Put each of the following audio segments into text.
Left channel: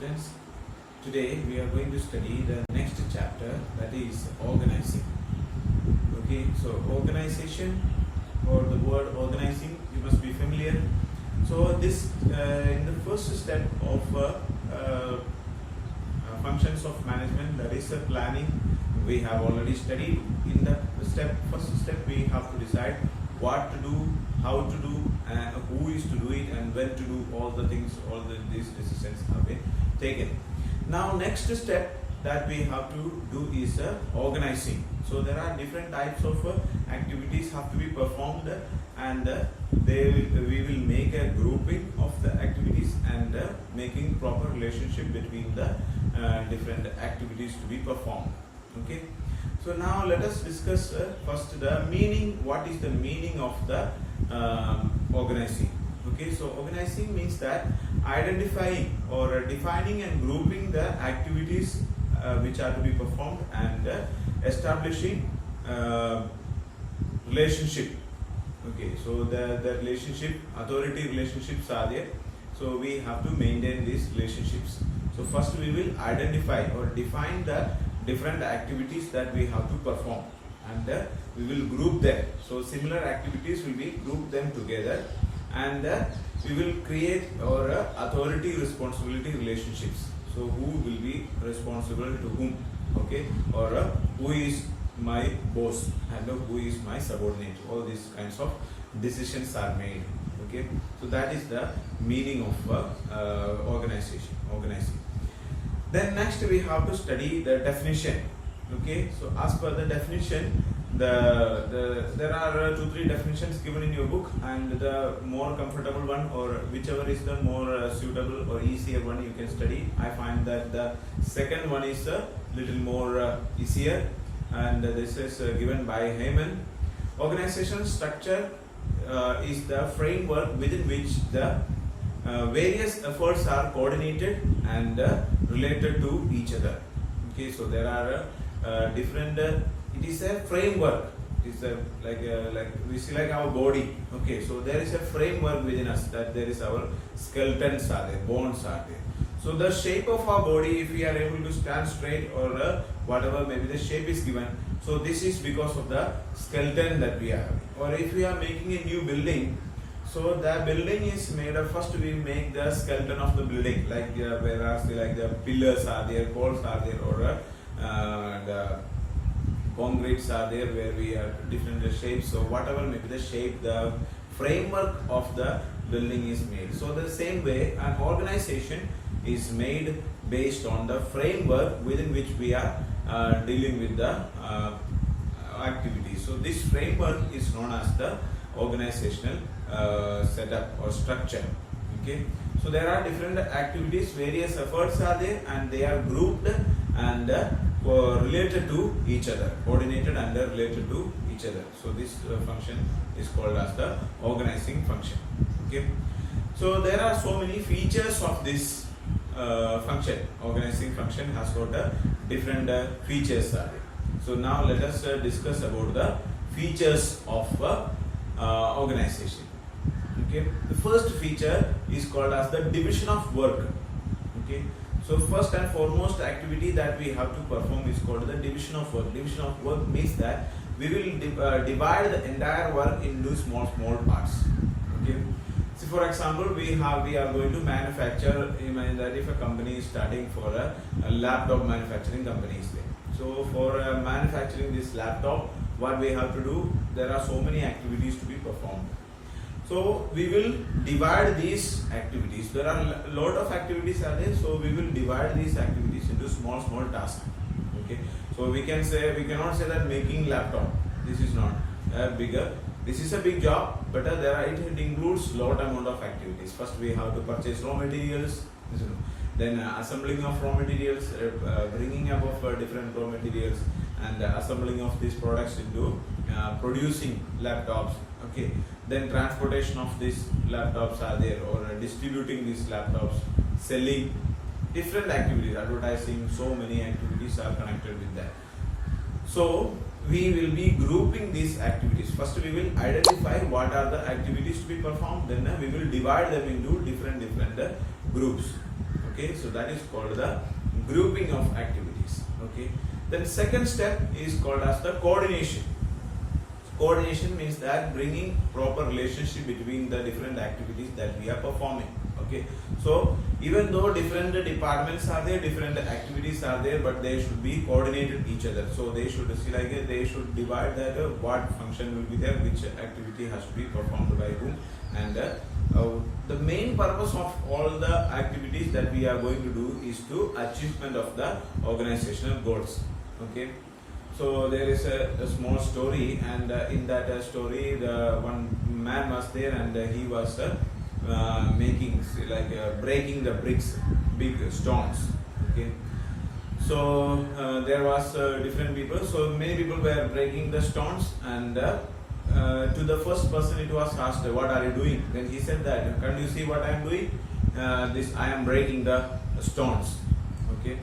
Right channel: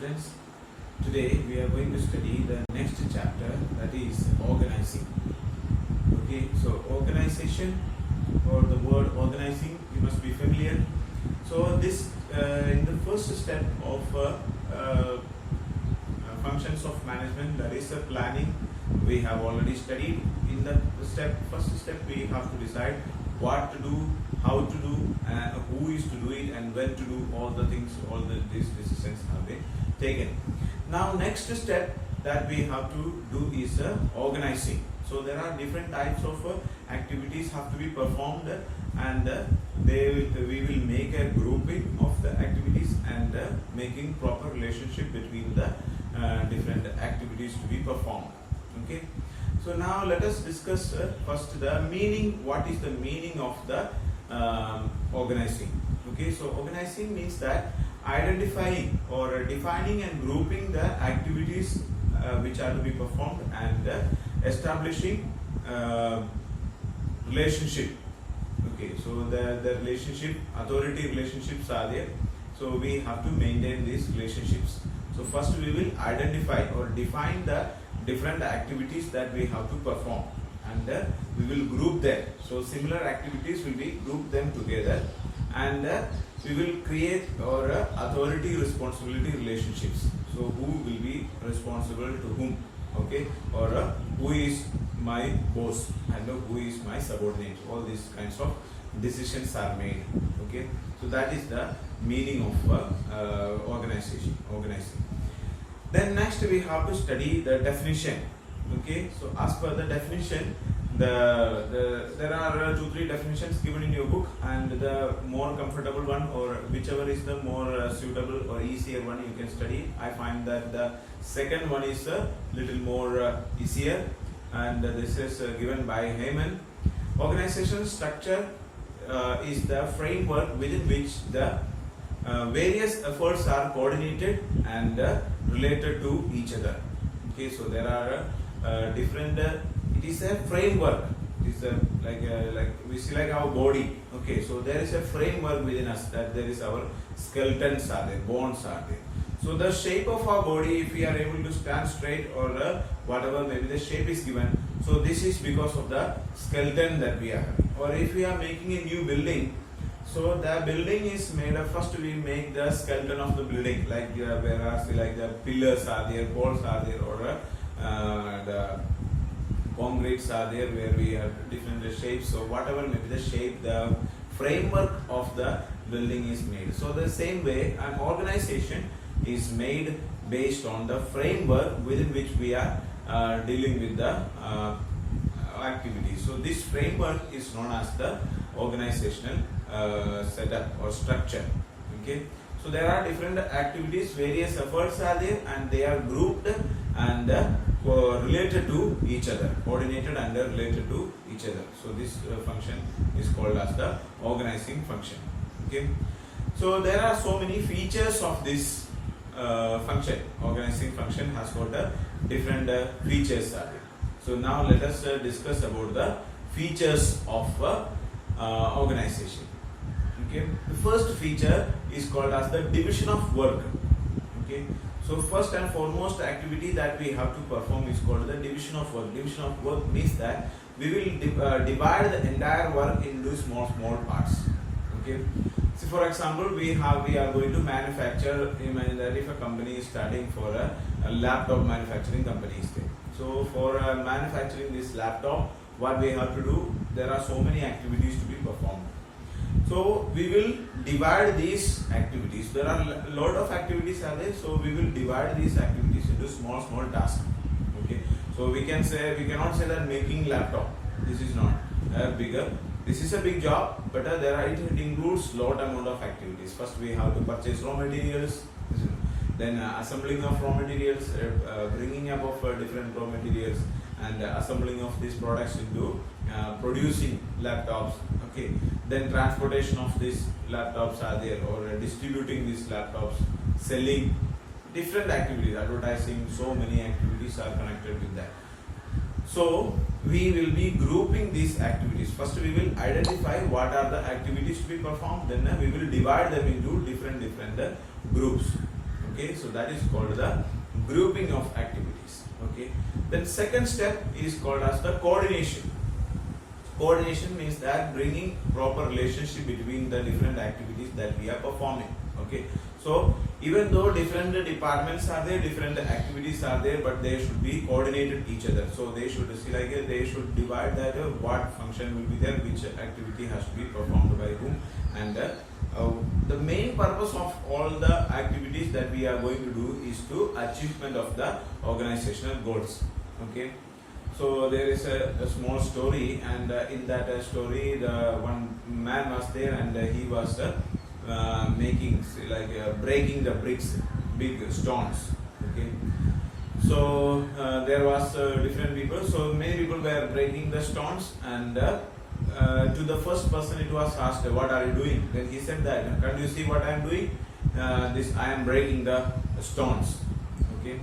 students. Today we are going to study the next chapter, that is organizing. Okay, so organization, or the word organizing, you must be familiar. So this in the first step of functions of management, that is planning, we have already studied. In the first step we have to decide what to do, how to do, who is to do it, and when to do all the things. These decisions have been taken. Now next step that we have to do is organizing. So there are different types of activities have to be performed, and we will make a grouping of the activities and making proper relationship between the different activities to be performed. Okay. So now let us discuss first the meaning. What is the meaning of the organizing? Okay, so organizing means that identifying or defining and grouping the activities which are to be performed, and establishing relationship. Okay, so the relationship, authority relationships are there. So we have to maintain these relationships. So first we will identify or define the different activities that we have to perform, and we will group them. So similar activities will be grouped them together, and we will create our authority responsibility relationships. So who will be responsible to whom, okay, or who is my boss and who is my subordinate. All these kinds of decisions are made. Okay, so that is the meaning of organizing. Then next we have to study the definition. Okay, so as per the definition, there are 2-3 definitions given in your book, and the more comfortable one, or whichever is the more suitable or easier one, you can study. I find that the second one is a little more easier, and this is given by Heyman. Organization structure is the framework within which the various efforts are coordinated and related to each other. Okay, so there are different. It is a framework. It is like we see like our body. Okay, so there is a framework within us, that there is our skeletons are there, bones are there. So the shape of our body, if we are able to stand straight, or whatever maybe the shape is given, so this is because of the skeleton that we are having. Or if we are making a new building, so the building is made of, first we make the skeleton of the building, like whereas like the pillars are there, poles are there, or the concretes are there, where we have different shapes. So whatever may be the shape, the framework of the building is made. So the same way an organization is made based on the framework within which we are dealing with the activities. So this framework is known as the organizational setup or structure. Okay, so there are different activities, various efforts are there, and they are grouped and related to each other, coordinated and related to each other. So this function is called as the organizing function. Okay, so there are so many features of this function. Organizing function has got different features are there. So now let us discuss about the features of organization. Okay, the first feature is called as the division of work. Okay, so first and foremost activity that we have to perform is called the division of work. Division of work means that we will divide the entire work into small parts. Okay, so for example, we are going to manufacture. Imagine that if a company is starting for a laptop manufacturing company is there. So for manufacturing this laptop, what we have to do, there are so many activities to be performed. So we will divide these activities. There are a lot of activities are there. So we will divide these activities into small tasks. Okay. So we cannot say that making laptop, this is not bigger. This is a big job, but it includes lot amount of activities. First we have to purchase raw materials, then assembling of raw materials, bringing up of different raw materials, and assembling of these products into producing laptops. Okay, then transportation of these laptops are there, or distributing these laptops, selling, different activities, advertising, so many activities are connected with that. So we will be grouping these activities. First we will identify what are the activities to be performed, then we will divide them into different groups. Okay. Okay, so that is called the grouping of activities. Okay, then second step is called as the coordination. Coordination means that bringing proper relationship between the different activities that we are performing. Okay, so even though different departments are there, different activities are there, but they should be coordinated each other. So they should see like they should divide that what function will be there, which activity has to be performed by whom, and the main purpose of all the activities that we are going to do is to achievement of the organizational goals. Okay. So there is a small story, and in that story, the one man was there, and he was making breaking the bricks, big stones. Okay, so there was different people. So many people were breaking the stones, and to the first person it was asked, "What are you doing?" Then he said that, "Can't you see what I am doing? This I am breaking the stones." Okay.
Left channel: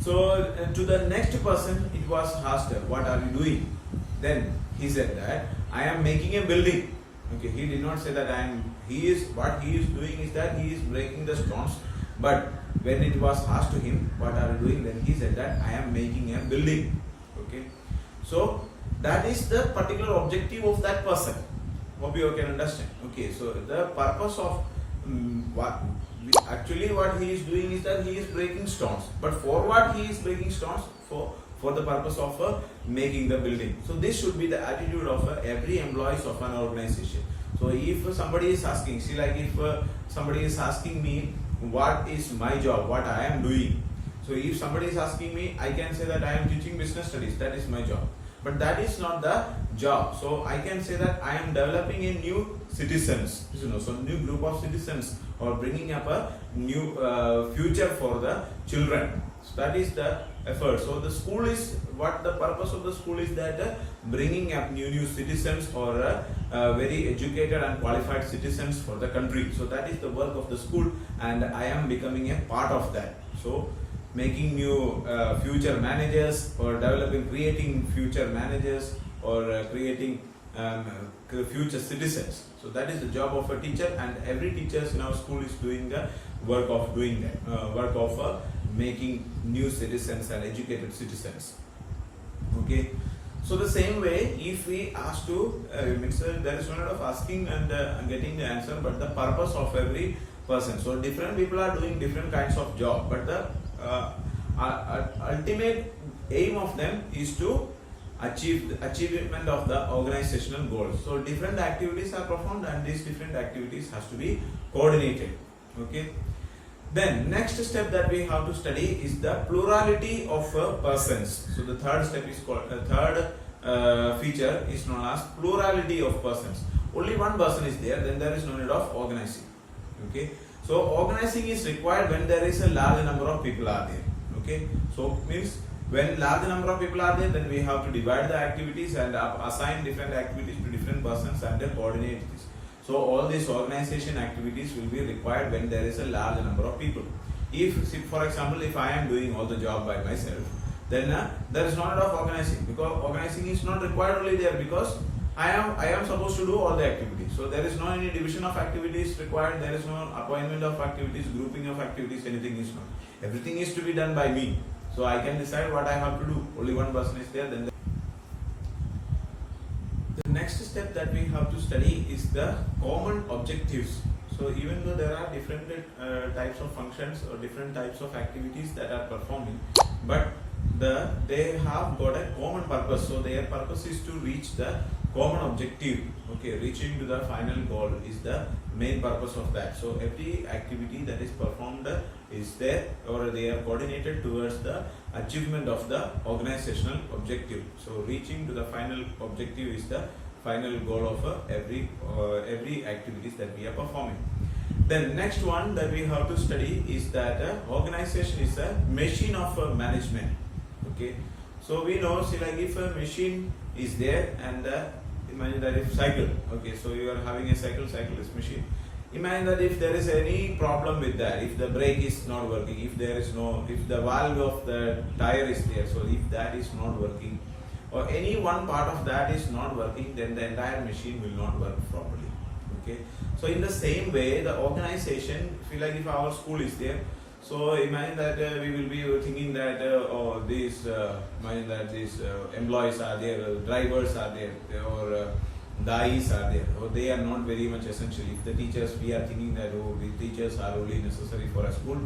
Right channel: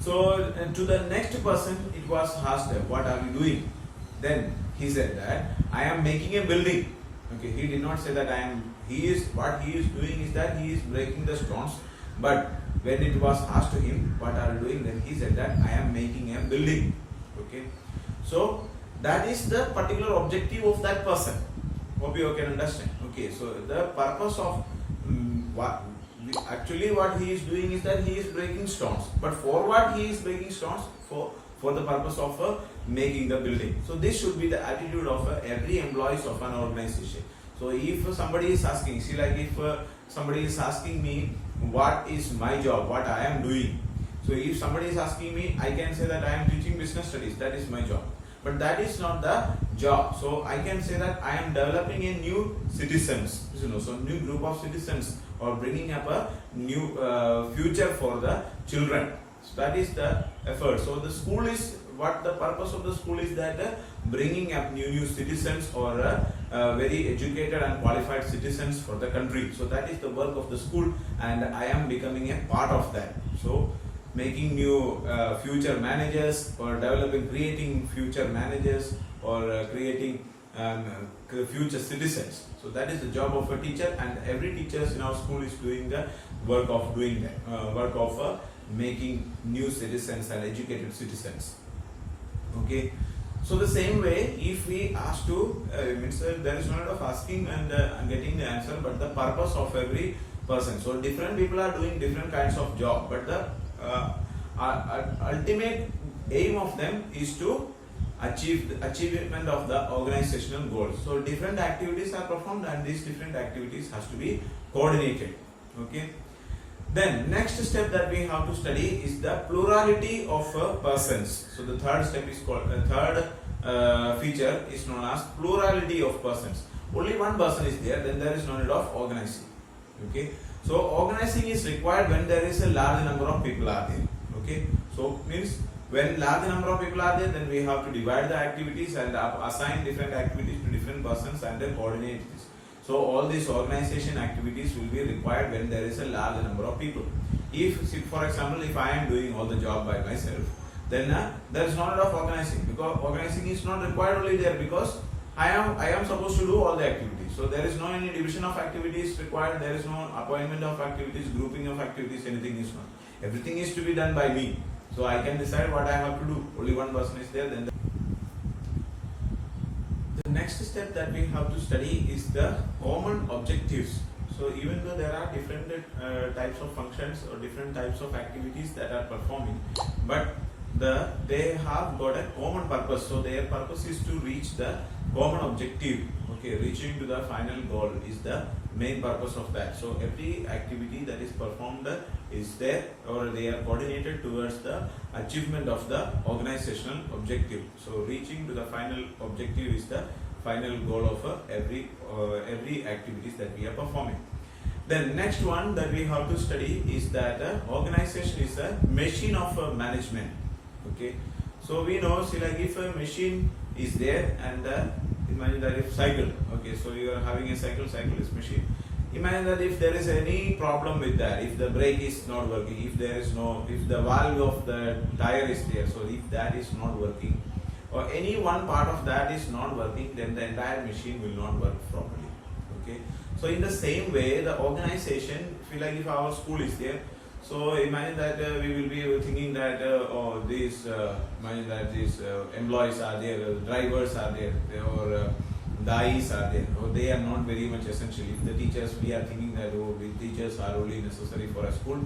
So to the next person it was asked, "What are you doing?" Then he said that, "I am making a building." Okay, he did not say that what he is doing is that he is breaking the stones. But when it was asked to him, "What are you doing?" then he said that, "I am making a building." Okay, so that is the particular objective of that person. Hope you can understand. Okay, so the purpose of what he is doing is that he is breaking stones. But for what he is breaking stones? For the purpose of making the building. So this should be the attitude of every employees of an organization. So if somebody is asking, if somebody is asking me what is my job, what I am doing. So if somebody is asking me, I can say that I am teaching business studies. That is my job. But that is not the job. So I can say that I am developing a new citizens, so new group of citizens, or bringing up a new future for the children. So that is the effort. So the school is, what the purpose of the school is that bringing up new citizens, or very educated and qualified citizens for the country. So that is the work of the school, and I am becoming a part of that. So making new future managers, or creating future managers, or creating future citizens. So that is the job of a teacher, and every teacher in our school is doing the work of making new citizens and educated citizens. Okay, so the same way, if we ask to there is no need of asking and getting the answer, but the purpose of every person. So different people are doing different kinds of job, but the ultimate aim of them is to achieve the achievement of the organizational goals. So different activities are performed, and these different activities has to be coordinated. Okay. Then next step that we have to study is the plurality of persons. So the third step is called feature is known as plurality of persons. Only one person is there, then there is no need of organizing. Okay. So organizing is required when there is a large number of people are there. Okay. So means when large number of people are there, then we have to divide the activities and assign different activities to different persons and then coordinate this. So all these organization activities will be required when there is a large number of people. If for example, if I am doing all the job by myself, then there is no need of organizing, because organizing is not required only there, because I am supposed to do all the activities. So there is no any division of activities required. There is no appointment of activities, grouping of activities. Anything is not. Everything is to be done by me. So I can decide what I have to do. Only one person is there. Then the next step that we have to study is the common objectives. So even though there are different types of functions or different types of activities that are performing, but they have got a common purpose. So their purpose is to reach the common objective. Okay, reaching to the final goal is the main purpose of that. So every activity that is performed is there, or they are coordinated towards the achievement of the organizational objective. So reaching to the final objective is the final goal of every activities that we are performing. Then next one that we have to study is that organization is a machine of management. Okay, so we know, see, like if a machine is there, and imagine that if cycle, okay, so you are having a cycle is machine. Imagine that if there is any problem with that, if the brake is not working, if the valve of the tire is there, so if that is not working, or any one part of that is not working, then the entire machine will not work properly. Okay, so in the same way, the organization, feel like if our school is there, So imagine that we will be thinking that imagine that these employees are there, drivers are there, or dais are there, or they are not very much essential. If the teachers, we are thinking that the teachers are only necessary for a school,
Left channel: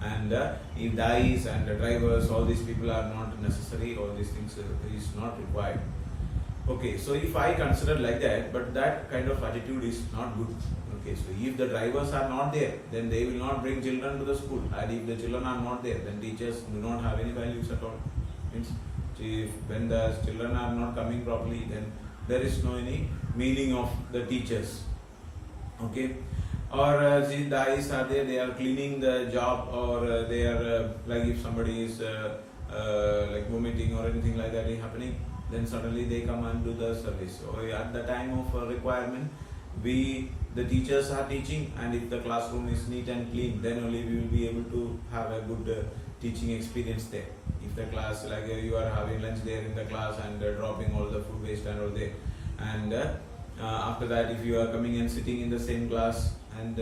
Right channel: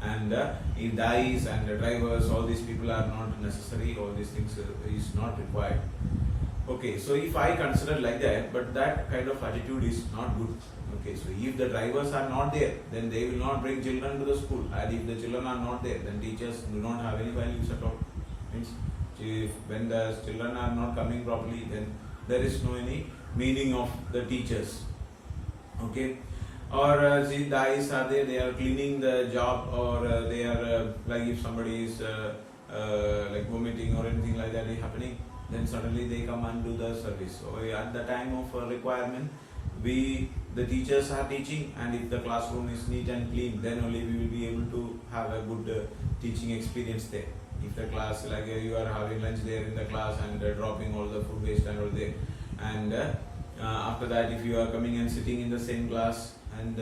and if dais and drivers, all these people are not necessary, all these things is not required. Okay, so if I consider like that, but that kind of attitude is not good. Okay, so if the drivers are not there, then they will not bring children to the school, and if the children are not there, then teachers do not have any values at all. Means, if when the children are not coming properly, then there is no any meaning of the teachers. Okay, or the guys are there, they are cleaning the job, or they are like if somebody is like vomiting or anything like that is happening, then suddenly they come and do the service. So at the time of requirement, the teachers are teaching, and if the classroom is neat and clean, then only we will be able to have a good teaching experience there. If the class, like you are having lunch there in the class and dropping all the food waste and all there, and after that if you are coming and sitting in the same class, and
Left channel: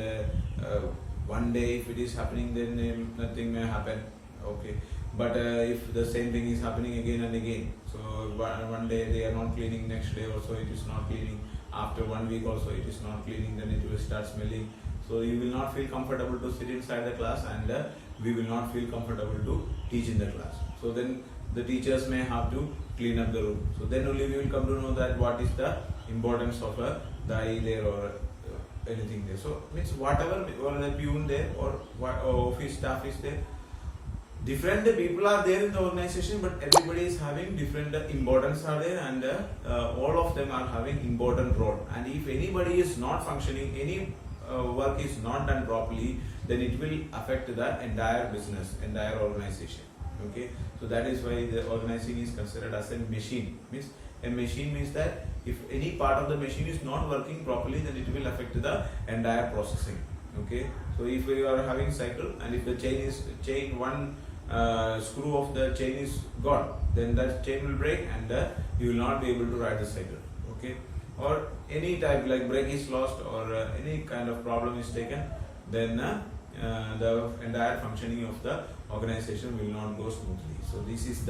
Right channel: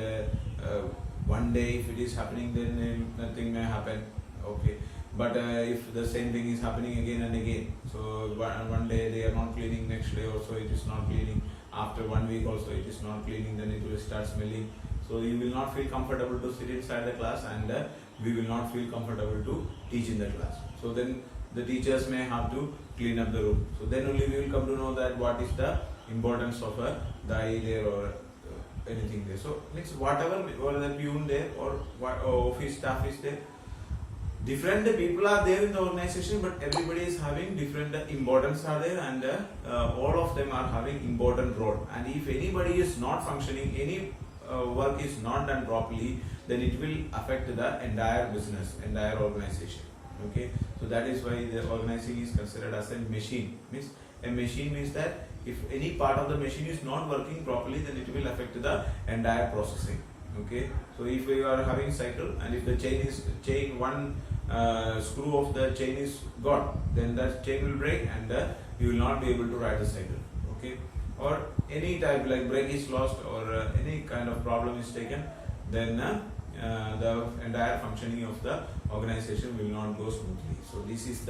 one day if it is happening, then nothing may happen. Okay, but if the same thing is happening again and again, so one day they are not cleaning, next day also it is not cleaning, after 1 week also it is not cleaning, then it will start smelling. So you will not feel comfortable to sit inside the class, and we will not feel comfortable to teach in the class. So then the teachers may have to clean up the room. So then only we will come to know that what is the importance of a guy there, or anything there. So means whatever, or the peon there, or what office staff is there, different people are there in the organization, but everybody is having different importance are there, and all of them are having important role. And if anybody is not functioning, any work is not done properly, then it will affect the entire business, entire organization. Okay, so that is why the organizing is considered as a machine. Means a machine means that if any part of the machine is not working properly, then it will affect the entire processing. Okay, so if you are having cycle, and if the chain one screw of the chain is gone, then that chain will break, and you will not be able to ride the cycle. Okay, or any type like brake is lost, or any kind of problem is taken, then the entire functioning of the organization will not go smoothly. So these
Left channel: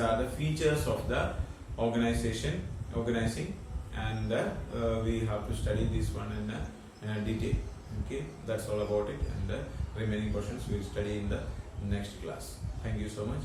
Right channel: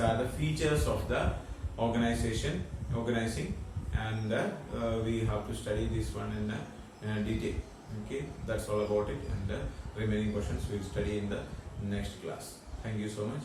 are the features of the organizing, and we have to study this one in detail. Okay, that's all about it, and remaining questions we will study in the next class. Thank you so much.